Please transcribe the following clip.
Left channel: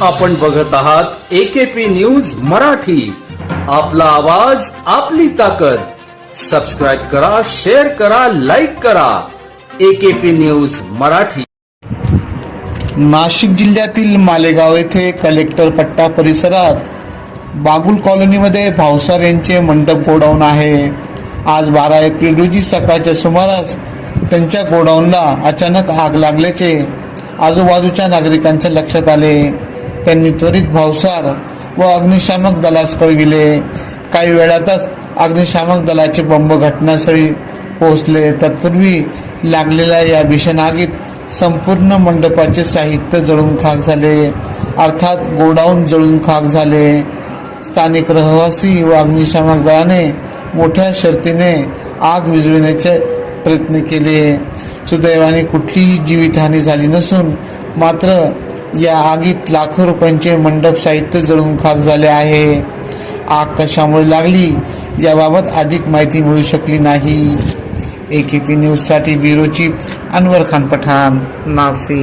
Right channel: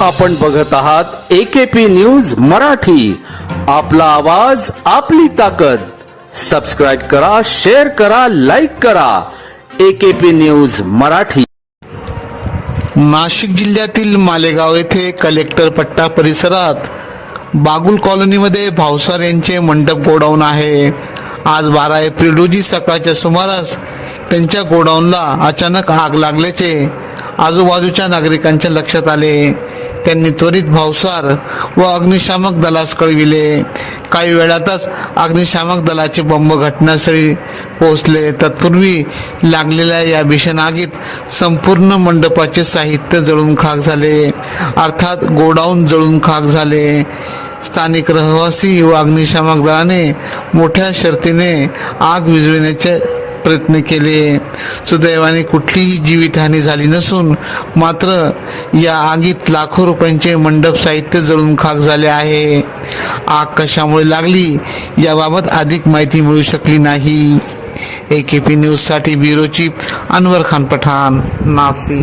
आपण बघत आहात एकेपी न्यूज मराठी. आपला आवाज आपली ताकद. सबस्क्राईब करा शेअर करा लाईक करा. AKP news Marathi. नाशिक जिल्ह्यातील मालेगाव येथे कलेक्टर पट्टा परिसरात बागुल कॉलनीमध्ये भावसार यांचे मंडप गोडाऊन आहे. आज बारा एप्रिल रोजी सकाळच्या सुमारास त्यांच्या गोडाऊनला अचानक आग लागल्याचे आजूबाजूच्या नागरिकांच्या लक्षात आले. त्यांनी त्वरित भावसार व अग्निशामक दलास कळविले. काही वेळातच अग्निशामक दलाचे बंब घटनास्थळी पोहोचले. तत्पूर्वी लागलेल्या या भीषण आगीत संपूर्ण मंडपाचे साहित्य जळून खाक झाले. अर्थात गोडाऊन जळून खाक झाले. स्थानिक रहिवासी व अग्निशामक दलाने मोठ्या शर्तीने आग विझविण्याचे प्रयत्न केले. सुदैवाने कुठलीही जीवितहानी झाली नसून मात्र या आगीत लाखो रुपयांचे मंडप साहित्य जळून खाक झाले आहे. आग कशामुळे लागली याबाबत अधिक माहिती मिळू शकली नाही. ए के पी न्यूजसाठी ब्युरो चीफ अनवर खान पठाण नाशिक